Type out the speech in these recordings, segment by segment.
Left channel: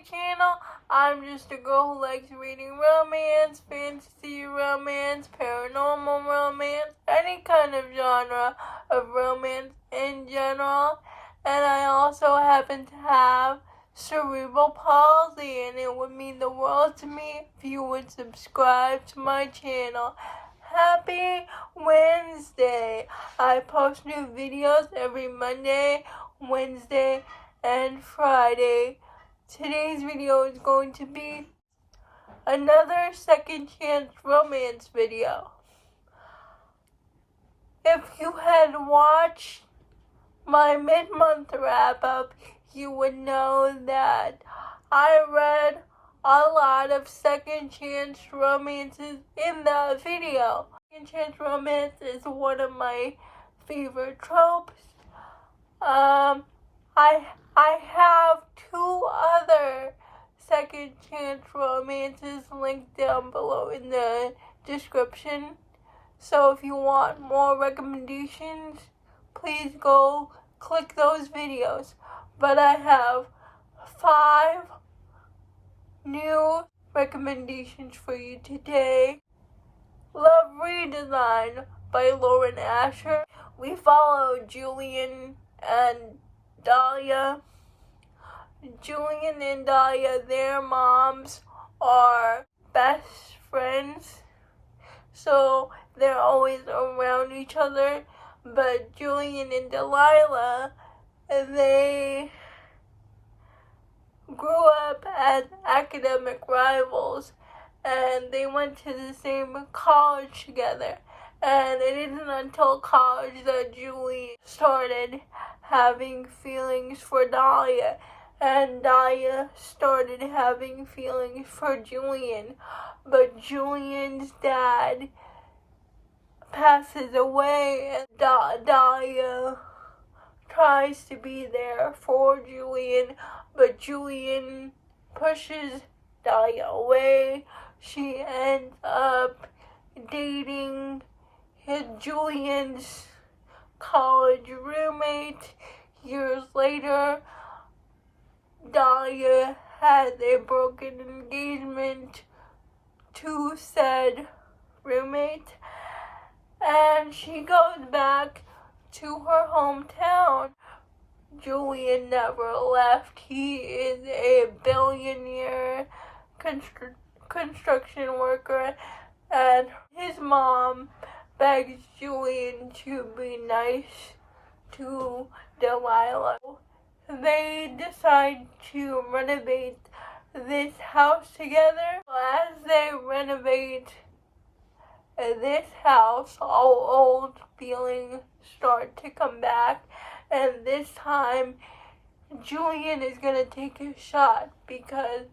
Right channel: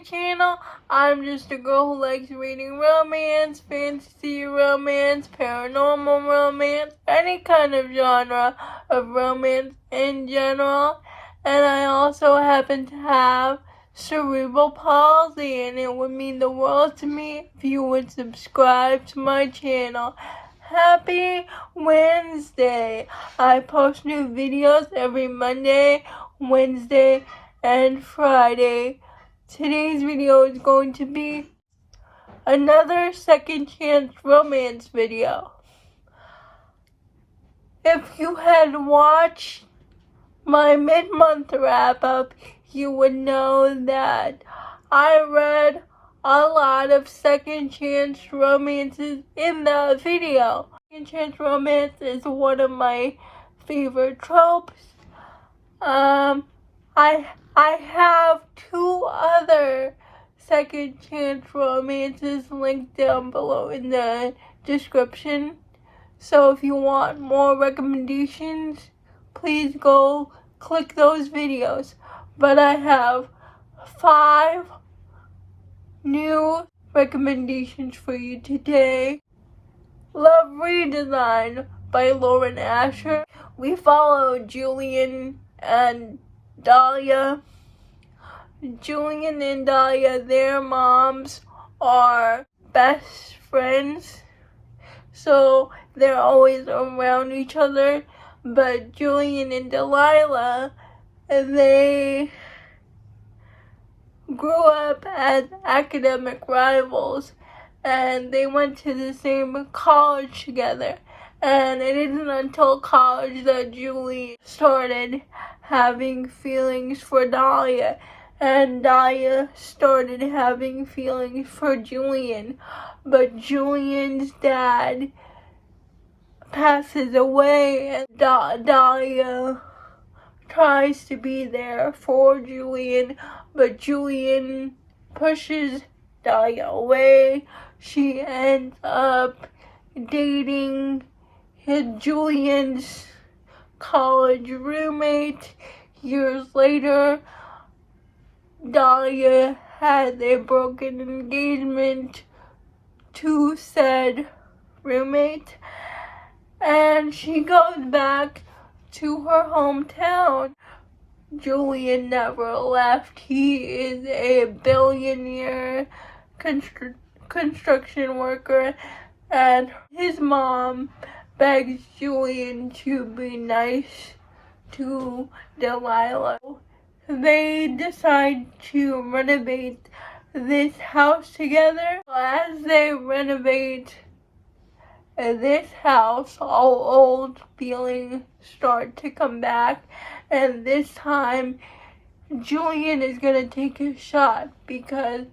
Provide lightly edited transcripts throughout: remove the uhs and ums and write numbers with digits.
channel. I'm just a girl who likes reading romance, fantasy romance, paranormal romance, any kind of genre of romance in general. And I also happen to have cerebral palsy, and it would mean the world to me if you would subscribe to my channel. Happy Wednesday! I post new videos every Monday, Wednesday, and Friday. Today's video is going to be another second chance romance video. If you had watched my mid-month wrap-up, you would know that I read a lot of second chance romances in the video. Second chance romance is one of my favorite tropes. I have two other second chance romances linked down below in the description. So if you want more recommendations, please go click those videos. But I have 5 new recommendations for you today. Love Redesign by Lauren Asher. We follow Julian and Dahlia. Julian and Dahlia, their moms are best friends, so they're always around each other. But Julian and Delilah, they grew up as academic rivals, and they went to the same college together. And it isn't until college that Julian started having feelings for Dahlia, and Dahlia started having feelings for Julian. But Julian's dad passes away, and Dahlia tries to be there for Julian, but Julian pushes Dahlia away. She ends up dating Julian's college roommate. Years later, Dahlia has a broken engagement to said roommate, and she goes back to her hometown. Julian never left. He is a billionaire construction worker, and his mom begs Julian to be nice to Delilah. They decide to renovate this house together. As they renovate this house, all old feelings start to come back, and this time Julian is gonna take a shot because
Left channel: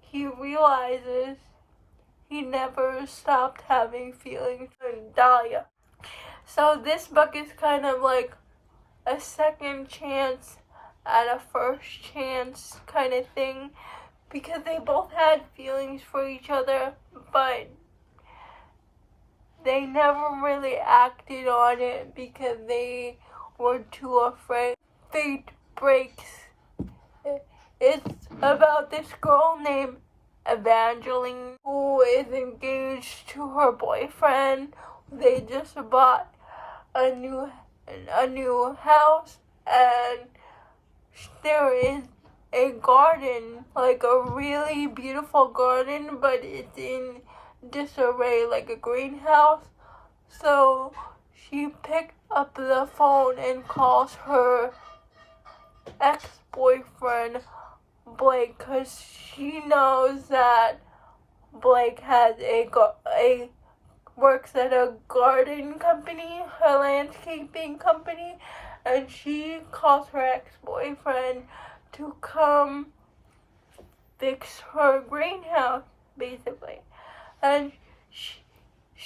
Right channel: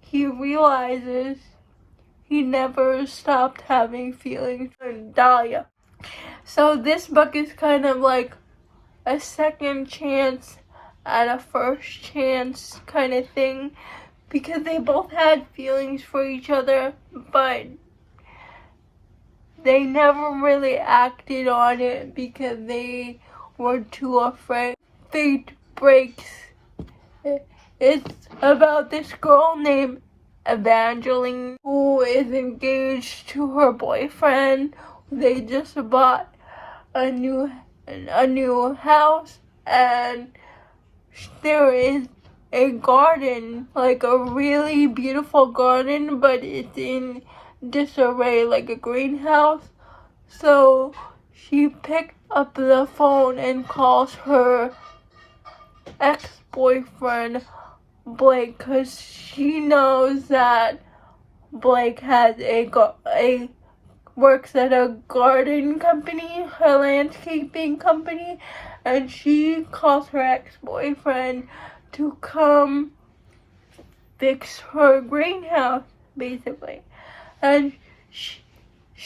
he realizes he never stopped having feelings for Dahlia. So this book is kind of like a second chance at a first chance kind of thing, because they both had feelings for each other, but they never really acted on it because they were too afraid. Fate breaks. It's about this girl named Evangeline who is engaged to her boyfriend. They just bought a new house, and there is a garden, like a really beautiful garden, but it's in disarray, like a greenhouse. So she picked up the phone and calls her ex-boyfriend Blake, because she knows that Blake has works at a garden company, a landscaping company, and she calls her ex-boyfriend to come fix her greenhouse, basically. And she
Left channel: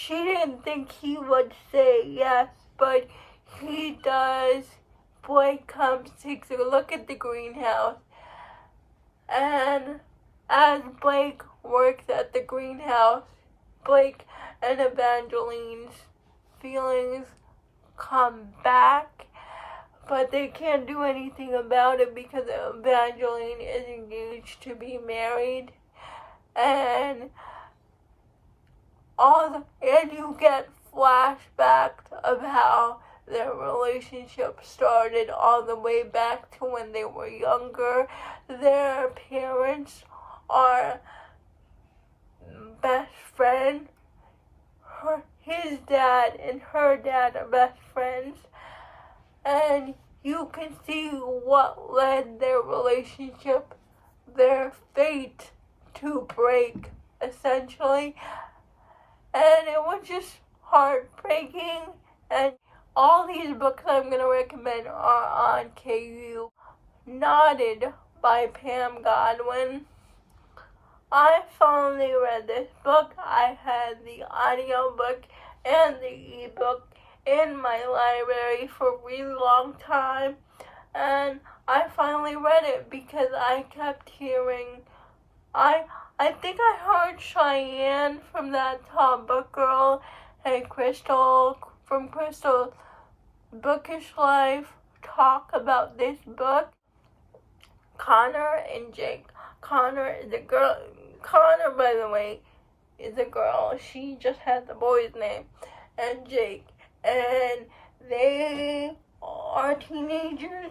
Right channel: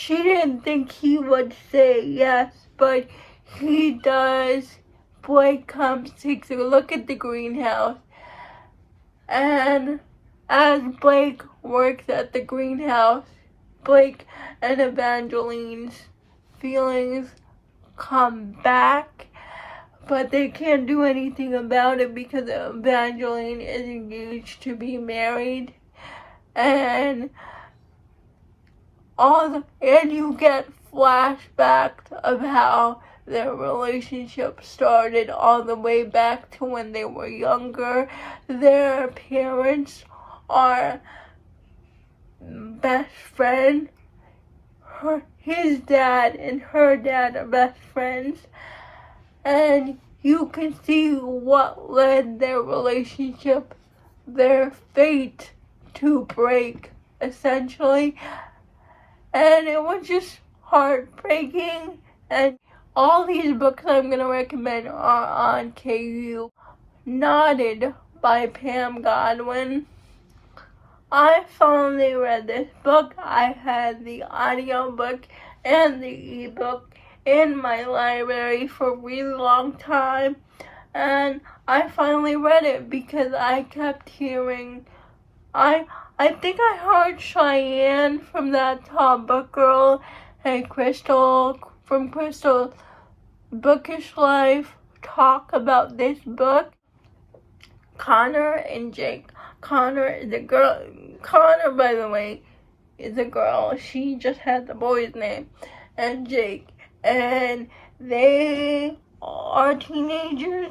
didn't think he would say yes, but he does. Blake comes, takes a look at the greenhouse, and as Blake works at the greenhouse, Blake and Evangeline's feelings come back, but they can't do anything about it because Evangeline is engaged to be married. And you get flashbacks of how their relationship started all the way back to when they were younger. Their parents are best friends. His dad and her dad are best friends. And you can see what led their relationship, their fate to break, essentially. And it was just heartbreaking. And all these books I'm going to recommend are on KU. Nodded by Pam Godwin. I finally read this book. I had the audiobook and the ebook in my library for a really long time, and I finally read it because I kept hearing, I think I heard Cheyenne from that Top Book Girl and Crystal from Crystal Bookish Life talk about this book. Connor and Jake. Connor is a girl. Connor, by the way, is a girl. She just has the boy's name. And Jake. And they are teenagers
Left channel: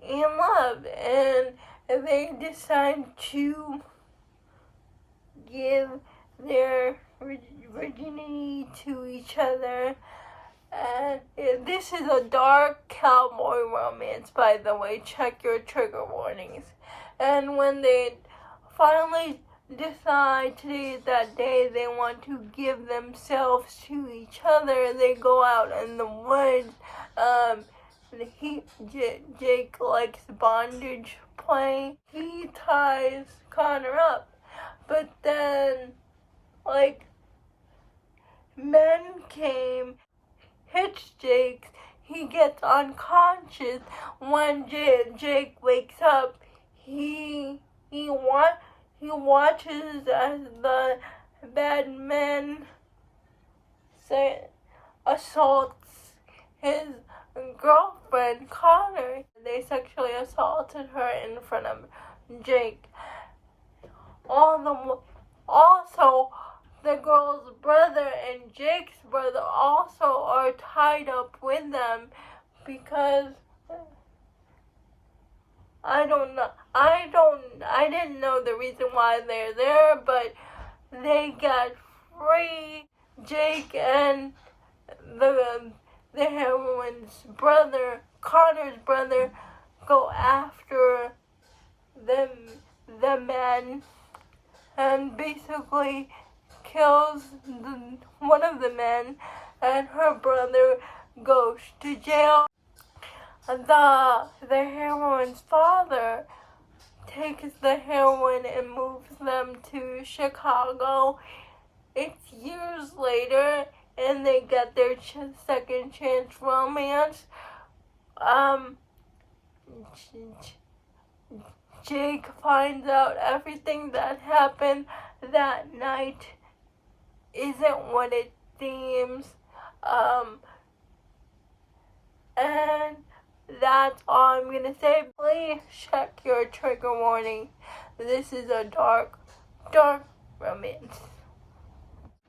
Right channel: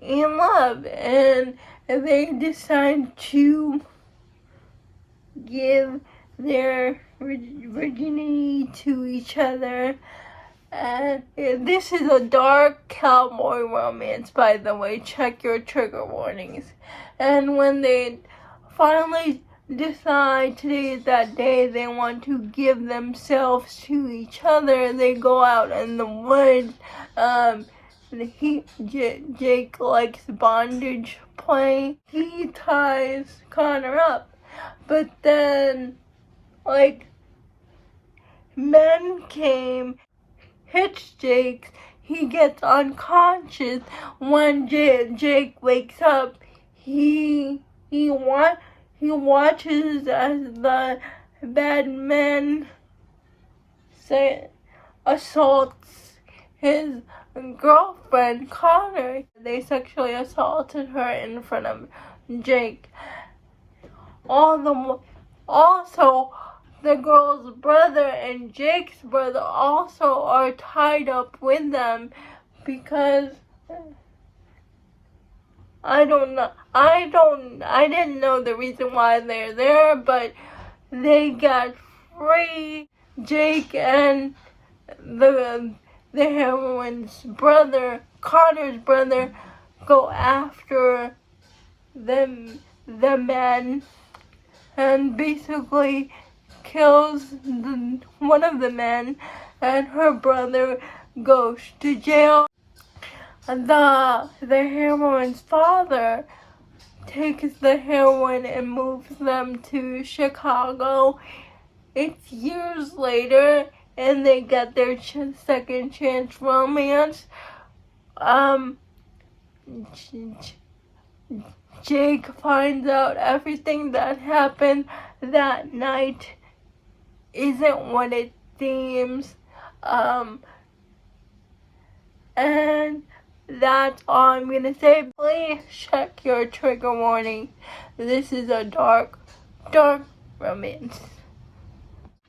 in love. And they decide to give their virginity to each other. And this is a dark cowboy romance, by the way. Check your trigger warnings. And when they finally decide today is that day they want to give themselves to each other, they go out in the woods. Jake likes bondage play. He ties Connor up. But then, men came, hits Jake. He gets unconscious. When Jake wakes up, he watches as the bad man assaults his girlfriend, Connor. They sexually assaulted her in front of Jake. Also, the girl's brother and Jake's brother also are tied up with them because I didn't know the reason why they're there, but they got free. Jake and the heroine's brother, Connor's brother, go after the men and basically kills one of the men, and her brother goes to jail. The heroine's father takes the heroine and moves them to Chicago. It's years later, and they get their second chance romance. Jake finds out everything that happened that night isn't what it seems. And that's all I'm gonna say. Please check your trigger warning. This is a dark romance.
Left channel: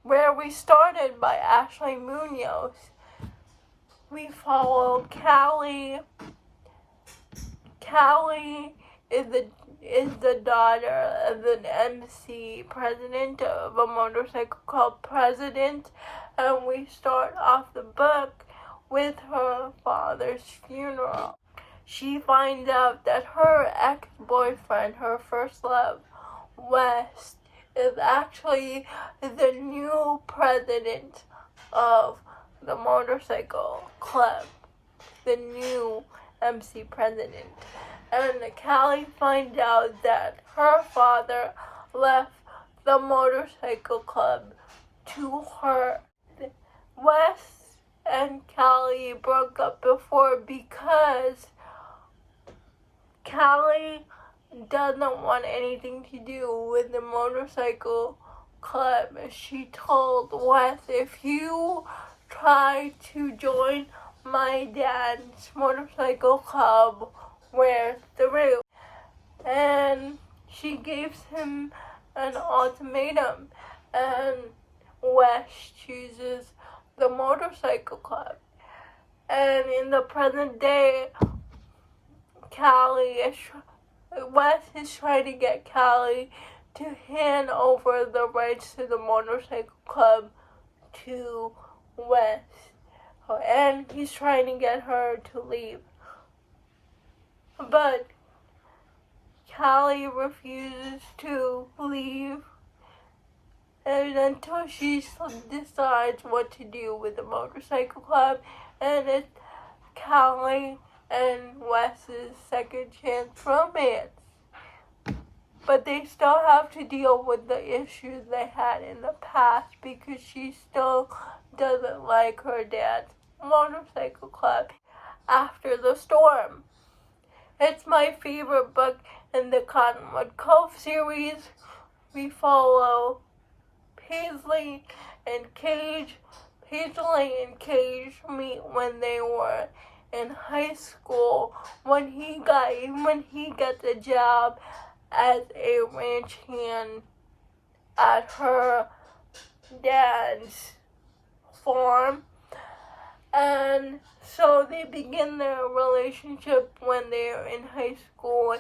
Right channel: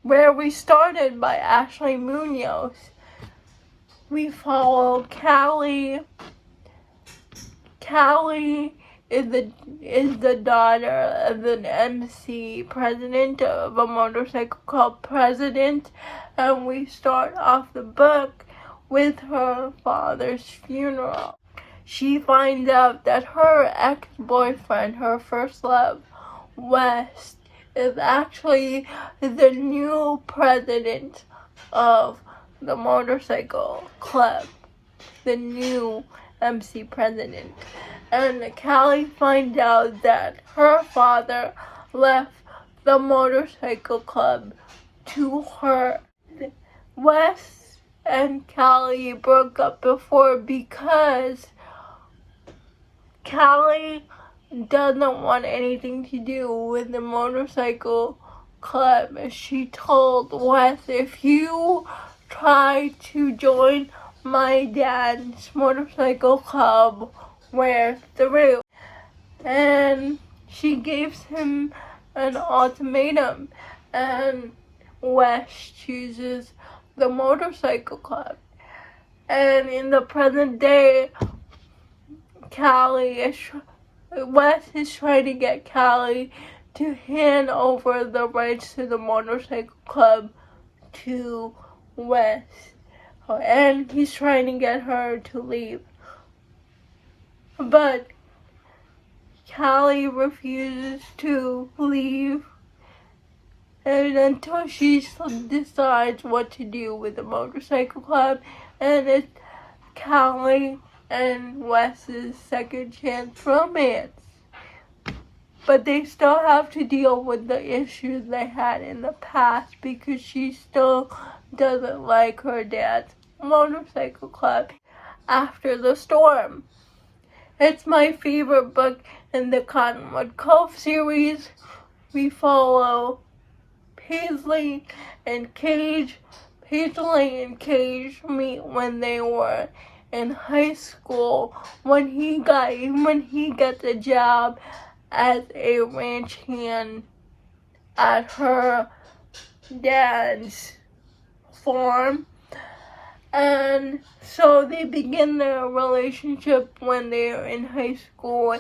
Where We Started by Ashley Munoz. We follow Callie. Callie is the daughter of an MC president of a motorcycle club president, and we start off the book with her father's funeral. She finds out that her ex-boyfriend, her first love, West, is actually the new president of the motorcycle club, the new MC president. And Callie finds out that her father left the motorcycle club to her. Wes and Callie broke up before because Callie doesn't want anything to do with the motorcycle club. She told Wes, if you try to join my dad's motorcycle club wear through. And she gives him an ultimatum, and Wes chooses the motorcycle club. And in the present day, Wes is trying to get Callie to hand over the rights to the motorcycle club to Wes. And he's trying to get her to leave. But Callie refuses to leave, and until she decides what to do with the motorcycle club, and it's Callie and Wes's second chance romance. But they still have to deal with the issues they had in the past because she still doesn't like her dad's motorcycle club after the storm. It's my favorite book in the Cottonwood Cove series. We follow Paisley and Cage. Paisley and Cage meet when they were in high school, when he gets a job as a ranch hand at her dad's farm. And so they begin their relationship when they are in high school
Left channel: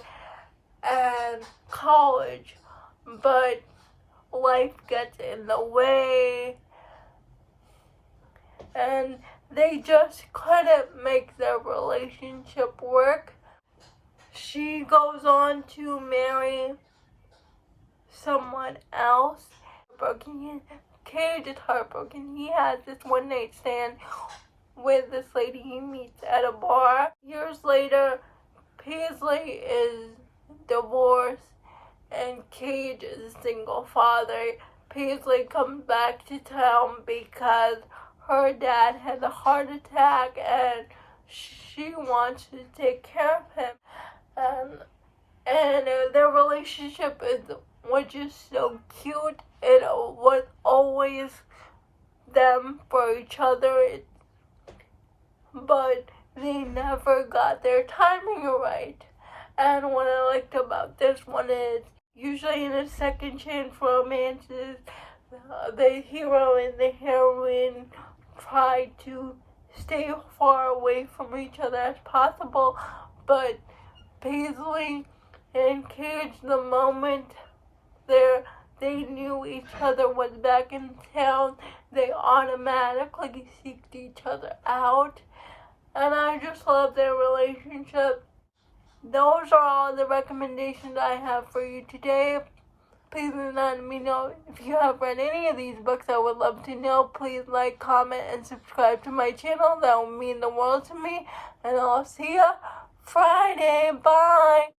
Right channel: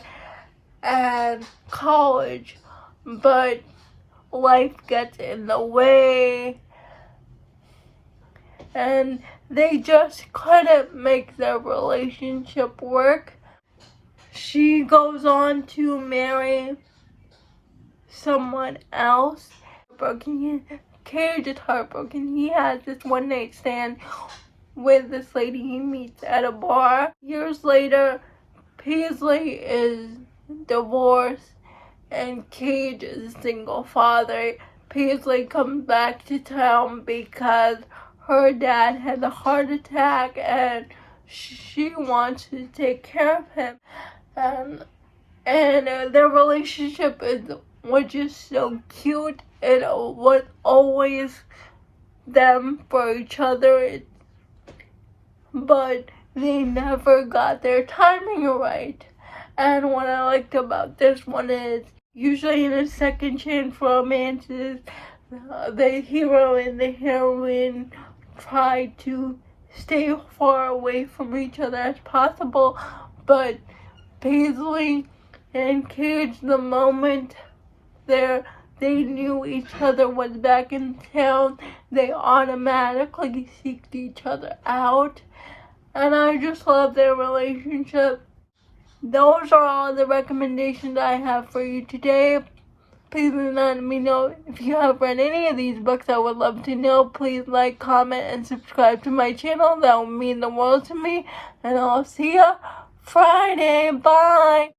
and college, but life gets in the way, and they just couldn't make their relationship work. She goes on to marry someone else. Cage is heartbroken. He has this one-night stand with this lady he meets at a bar. Years later, Paisley is divorced and Cage is a single father. Paisley comes back to town because her dad had a heart attack and she wants to take care of him. And their relationship was just so cute. It was always them for each other, but they never got their timing right. And what I liked about this one is, usually in a second chance romances, the hero and the heroine try to stay far away from each other as possible, but Paisley and Cage, the moment they knew each other was back in town, they automatically seeked each other out. And I just love their relationship. Those are all the recommendations I have for you today. Please let me know if you have read any of these books. I would love to know. Please like, comment, and subscribe to my channel. That would mean the world to me. And I'll see you Friday. Bye.